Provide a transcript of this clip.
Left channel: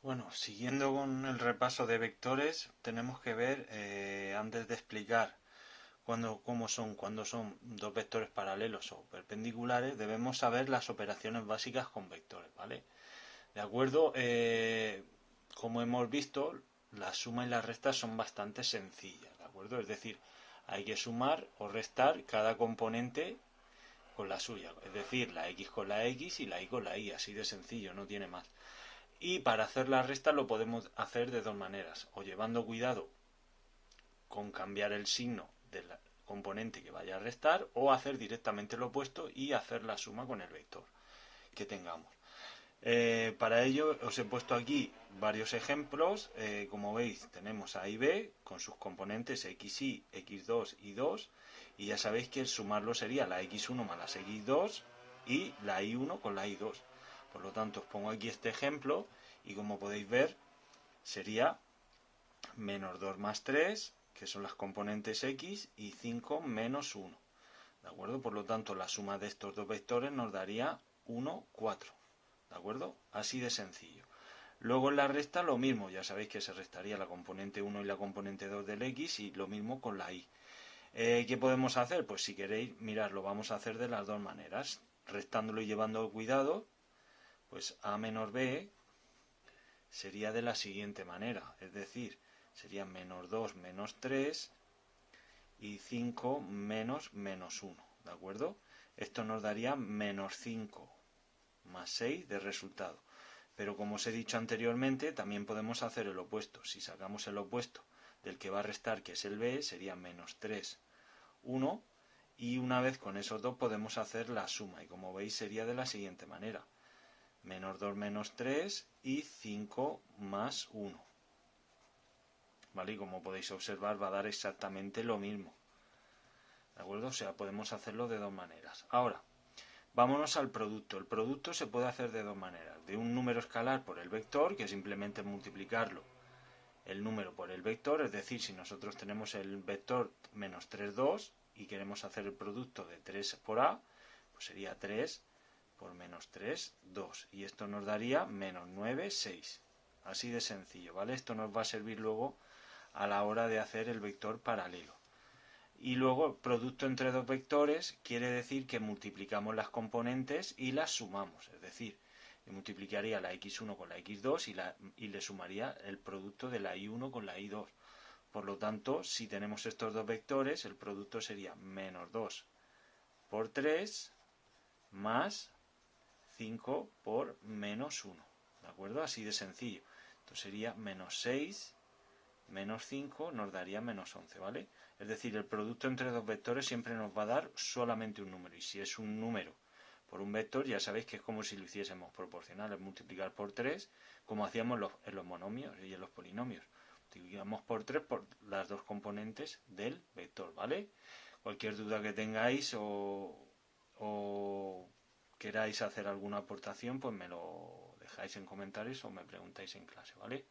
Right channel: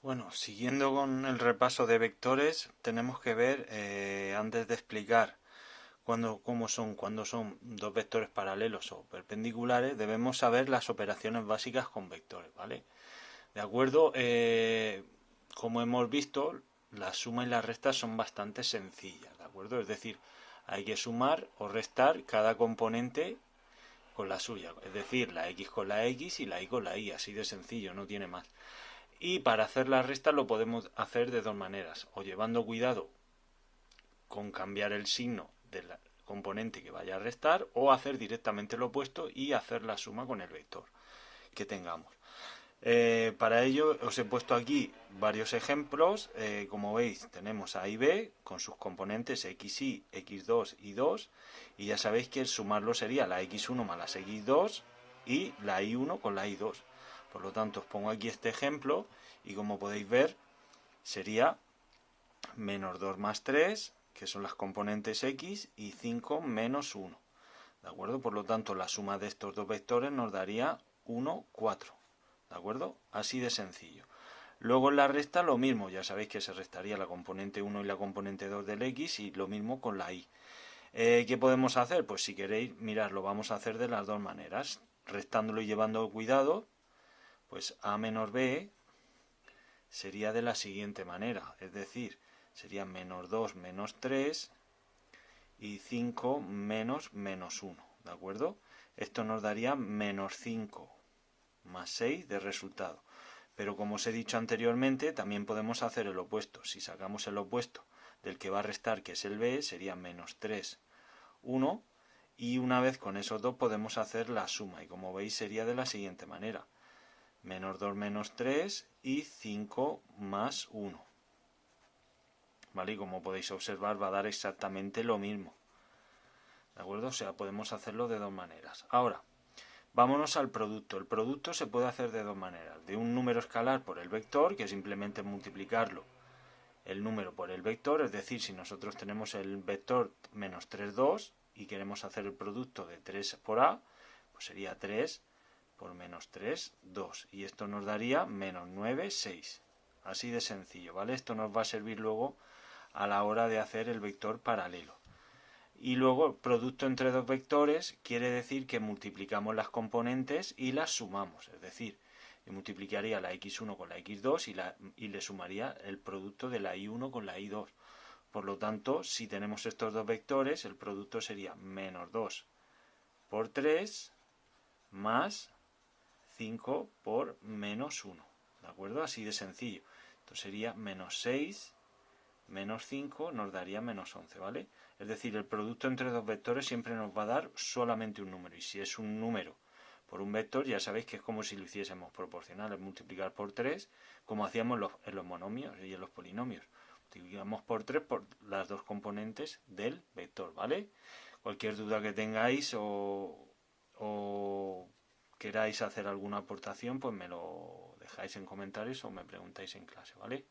Bueno, siguiendo con el repaso de vectores, tenemos que ver, antes de explicar cuando son dos vectores paralelos o perpendiculares, debemos saber las operaciones básicas con vectores, ¿vale? De acuerdo, como hemos visto, la suma y la resta son bastante sencillas, ¿de acuerdo? Es decir, hay que sumar o restar cada componente con la suya, es decir, la x con la x y la y con la y, así de sencillo, no tiene más. Y para hacer la resta lo podemos hacer de dos maneras, o llevando cuidado con cambiar el signo del componente que vaya a restar, o hacer directamente lo opuesto y hacer la suma con el vector que tengamos. Para ello os he puesto aquí varios ejemplos. Como veis, tenemos A y B con sus componentes xy, x2 y 2, y ya sabéis que el sumarlo sería la x1 más las x2 y la y1 con la y2. Por lo tanto, os pongo aquí este ejemplo y como podéis ver sería menos 2 más 3, que son las componentes x, y 5 menos 1. ¿De acuerdo? Por lo tanto, la suma de estos dos vectores nos daría 1, 4. ¿De acuerdo? Así de sencillo. Luego en la resta lo mismo, ya sabéis que se restaría la componente 1 y la componente 2 del x, y lo mismo con la y. ¿Qué podemos hacer? Pues si queréis, mirad, lo vamos a hacer de las dos maneras. Restándolo y llevando cuidado, pues a menos b sería de la siguiente manera, es decir, sería menos 2 menos 3 y 5 menos menos 1, ¿de acuerdo? Esto nos daría menos 5 más 6 de resultado. Pero como os he dicho anteriormente, también podemos hacer el opuesto. Si sacamos el opuesto del que va a restar, que es el b, sería menos 3, 1, y una vez con esos dos podemos hacer la suma, y como veis sería de la siguiente manera: menos 2 menos 3 y 5 más 1. ¿Vale? Y como podéis observar va a dar exactamente lo mismo. ¿De acuerdo? O sea, podemos hacerlo de dos maneras. Ahora, vámonos al producto. El producto se puede hacer de dos maneras. De un número escalar por el vector, que simplemente multiplicarlo el número por el vector, es decir, si nosotros tenemos el vector menos 3, 2 y queremos hacer el producto de 3 por a, pues sería 3 por menos 3, 2. Y esto nos daría menos 9, 6. Así de sencillo, ¿vale? Esto nos va a servir luego a la hora de hacer el vector paralelo. Y luego, producto entre dos vectores quiere decir que multiplicamos las componentes y las sumamos. Es decir, multiplicaría la x1 con la x2 y le sumaría el producto de la y1 con la y2. Por lo tanto, si tenemos estos dos vectores, el producto sería menos 2 por 3 más 5 por menos 1. ¿De acuerdo? Así de sencillo. Entonces sería menos 6 menos 5 nos daría menos 11, ¿vale? Es decir, el producto entre dos vectores siempre nos va a dar solamente un número. Y si es un número por un vector, ya sabéis que es como si lo hiciésemos proporcional, es multiplicar por 3, como hacíamos en los monomios y en los polinomios. Multiplicamos por 3 por las dos componentes del vector, ¿vale? Cualquier duda que tengáis o queráis hacer alguna aportación, pues me lo dejáis en comentarios o me preguntáis en clase, ¿vale?